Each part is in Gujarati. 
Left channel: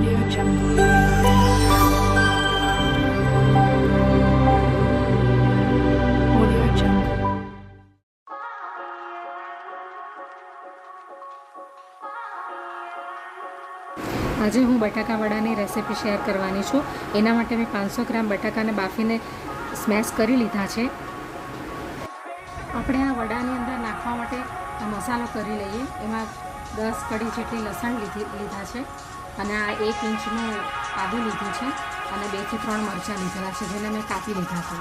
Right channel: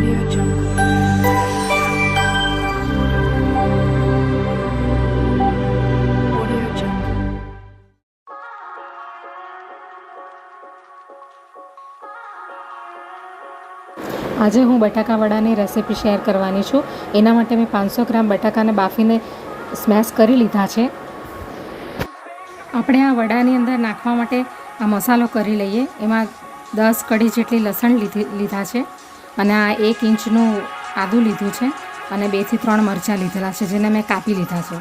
Audio Jungle. Audio Jungle. આજે હું બટાકા વડાની રેસિપી શેર કરવાની છું. એના માટે મેં 500 ગ્રામ બટાકાને બાફીને સ્મેશ કરી લીધા છે. આપણે આ વડાની અંદર નાખવા માટે આ મસાલો કરી લઈએ. એમાં 10 કળી જેટલી લસણ લીધા છે અને આ 1 ઇંચનું આદું લીધું છે અને 2 થી 3 મરચાં લીધેલા છે, જેને મેં કાપી લીધા છે.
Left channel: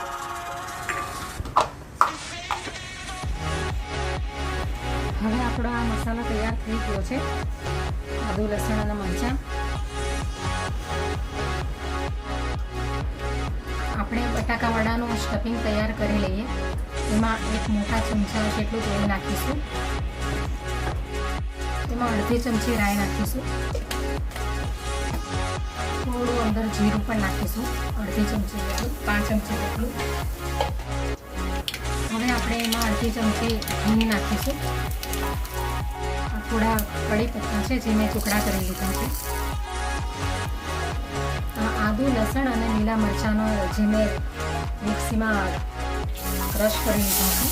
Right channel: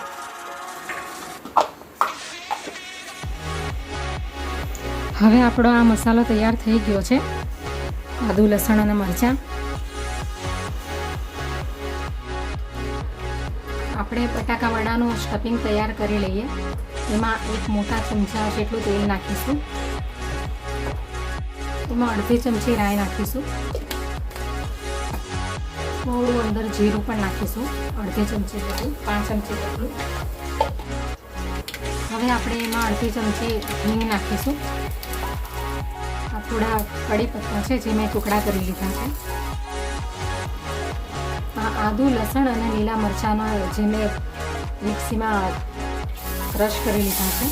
હવે આપણો આ મસાલો તૈયાર થઈ ગયો છે. આદું, લસણ અને મરચાં. આપણે બટાકા વડાનું સ્ટફિંગ તૈયાર કરી લઈએ. એમાં 1 મોટા ચમચા જેટલું તેલ નાખીશું. એમાં અડધી ચમચી રાઈ નાખીશું. થોડું અંદર જીરું પણ નાખીશું, અડધી ચમચી જેટલું, 5 ચમચી જેટલું. હવે આપણે એમાં અડધી ચમચી હિંગ નાખીશું. આ થોડા કડી પત્તા છે જે મેં ટુકડા કરી લીધા છે. આ આદુ, લસણ અને લીલા મરચાંનો જે મેં મિક્સીમાં ક્રશ કરી લીધા છે.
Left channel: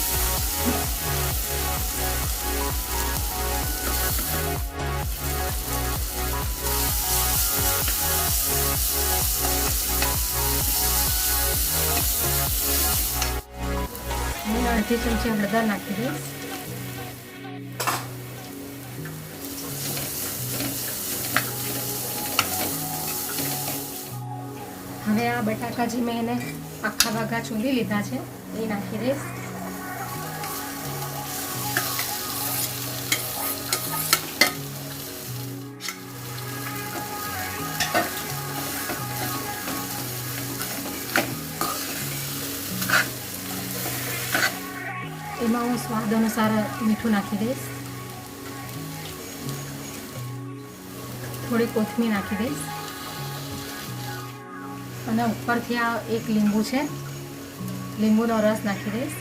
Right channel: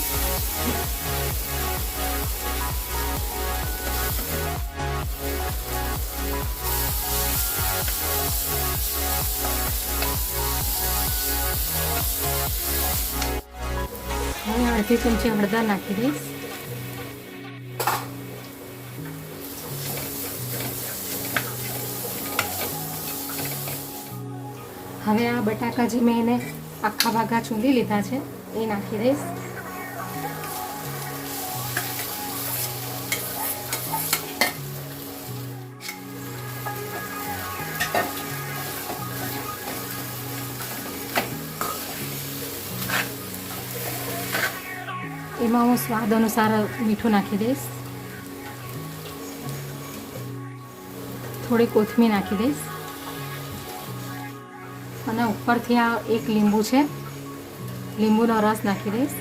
હું અડધી ચમચી હળદર નાખી દઈશ. હવે આ બટાકા જે મેં એને આખા ભાગા ચૂંદી લીધા છે એ નાખી દઈશ. એમાં હું સ્વાદ અનુસાર મીઠું નાખી દઈશ. થોડી કોથમીર નાખી દઈશ અને ઉપરથી આ 1 લીંબુ છે, લીંબુનો રસ નાખી દઈશ.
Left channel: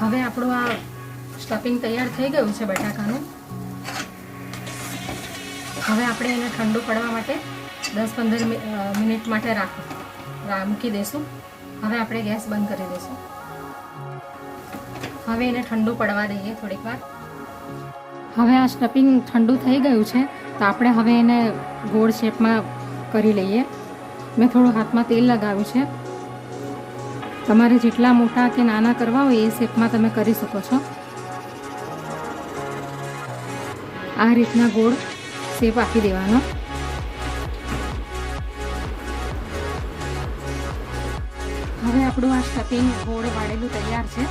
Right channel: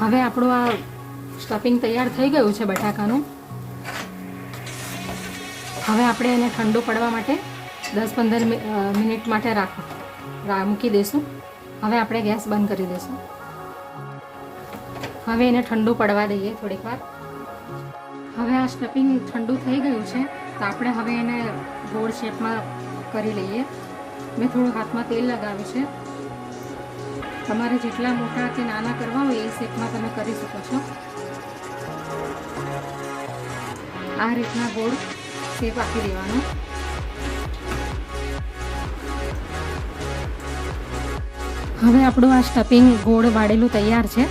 હવે આપણું આ સ્ટફિંગ તૈયાર થઈ ગયું છે બટાકાનું. હવે આપણે એને ઠંડુ પડવા માટે 10-15 મિનિટ માટે મૂકી દઈશું. હવે આપણે ગેસ બંધ કરી દઈશું. હવે એને ઠંડુ પડવા દઈએ થોડીક વાર. હવે આ સ્ટફિંગ ઠંડુ થઈ ગયું છે તો આપણે હવે એને ગોળ શેપમાં કરી લઈએ. મેં થોડું હાથમાં તેલ લગાવ્યું છે. તમારે જેટલા મોટા કે નાના કરવા હોય એ શેપમાં તમે કરી શકો છો. આ રીતના ગોળ શેપ આપી દેવાનો. હવે આપણું આ સ્ટફિંગ ગોળ વાળેલું તૈયાર છે.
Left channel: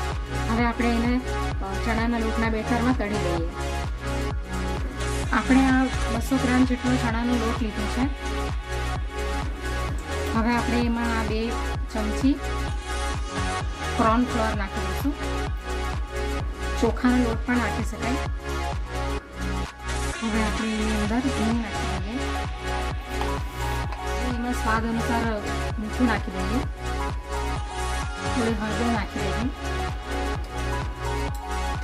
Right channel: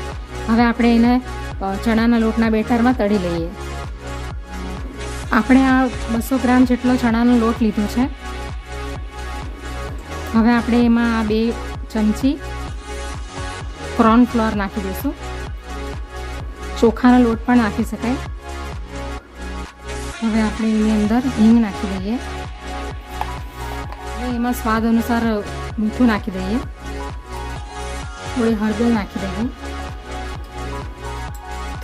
હવે આપણે એને ચણાના લોટના બેટરમાં તળી લઈએ. આપણે આ 200 ગ્રામ જેટલો ચણાનો લોટ લીધો છે. હવે આપણે એમાં 2 ચમચી કોર્ન ફ્લોર નાખી દઈશું. ચોખાનો લોટ પણ નાખી શકાય. હવે આપણે એની અંદર હિંગ નાખી દઈએ. એમાં સ્વાદ અનુસાર મીઠું નાખી દઈએ. થોડી હળદર નાખી દઈએ.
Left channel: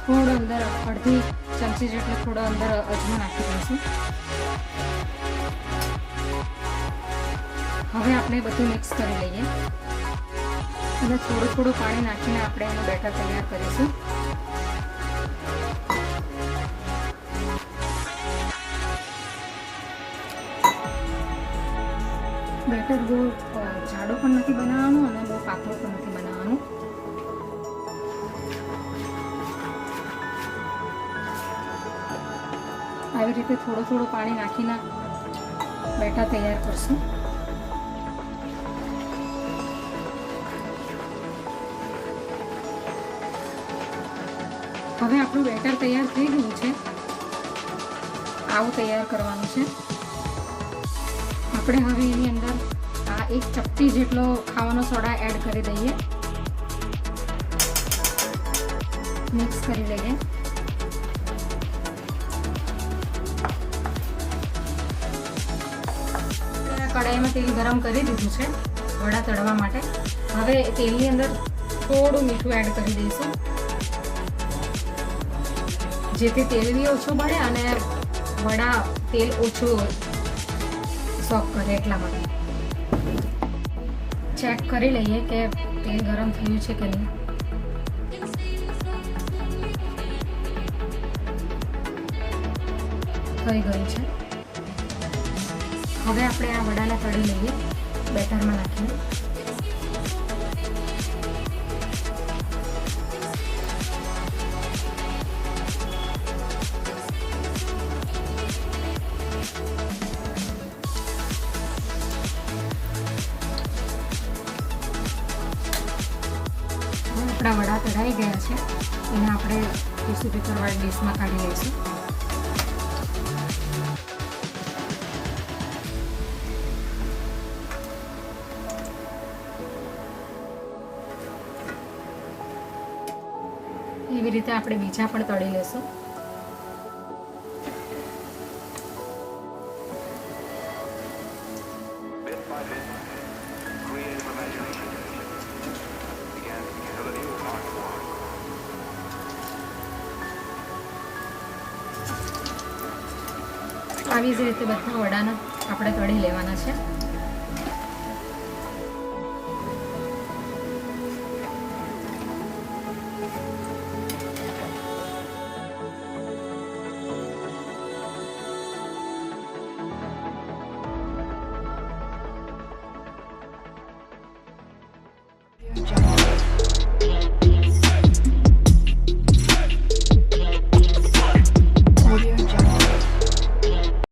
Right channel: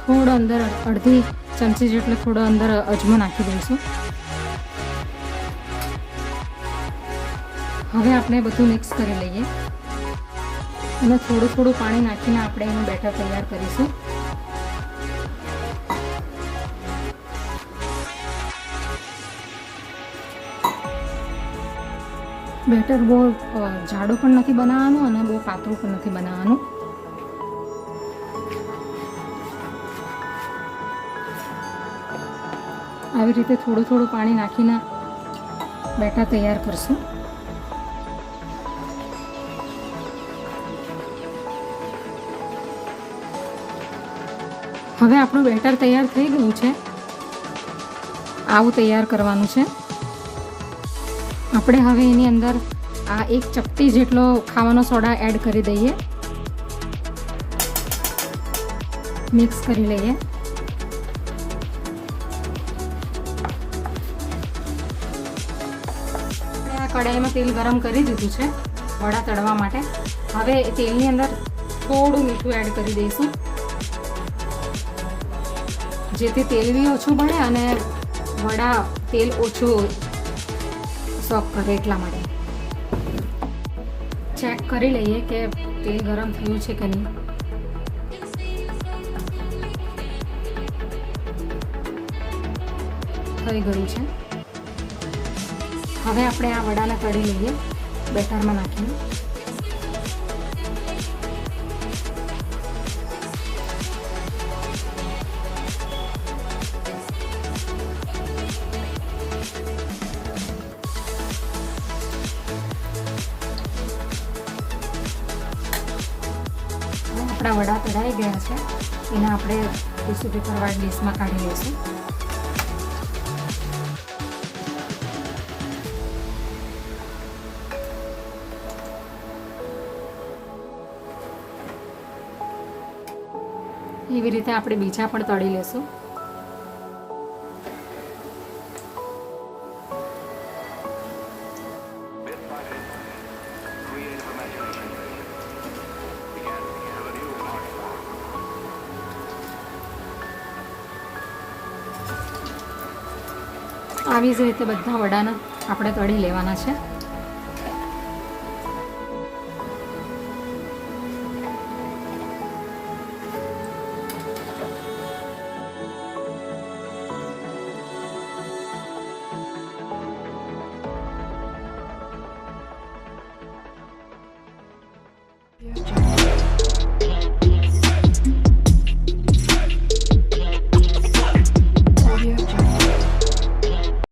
થોડો અંદર અડધી ચમચી જેટલો થોડો અંદર અજમો નાખી દઈશું. હવે આપણે બધું મિક્સ કરી લઈએ અને થોડું પાણી નાખીને આપણે એનું બેટર તૈયાર કરીશું. બેટર બહુ જાડું પણ નથી બનાવવાનું અને બહુ પાતળું પણ નથી બનાવવાનું. આવી રીતે થોડું પાણી નાખીને બેટર તૈયાર કરશું. હવે આપણું બેટર તૈયાર થઈ ગયું છે. આવું તૈયાર કરવાનું છે. આપણે હવે એની અંદર આ 1 ચપટી જેટલો ખાવાનો સોડા એડ કરી દઈએ. મિક્સ કરી લઈએ. કઢાઈમાં તેલ ગરમ કરી દીધું છે વડા તળવા માટે. હવે તેલની અંદર થોડું મીઠું એડ કરી દઈશું, જેથી તેલ બી ઓછું ભળે અને વડા તેલ ઓછું સોક કરે. એટલા માટે ચેક કરી લઈએ કે તેલ ગરમ થયું છે કે નહીં. થઈ ગયું છે. હવે આપણે આ વડાને તળી લઈએ બેટરમાં નાખીને. આપણા વડા તળાઈ ગયા છે, એને આપણે ટીશ્યુ પેપરવાળી ડીશમાં કાઢી લઈશું. એવી રીતે આપણે બીજા પણ તળી લેશું. આવી જ રીતે બધા વડાને આપણે તળી લેવાના છે.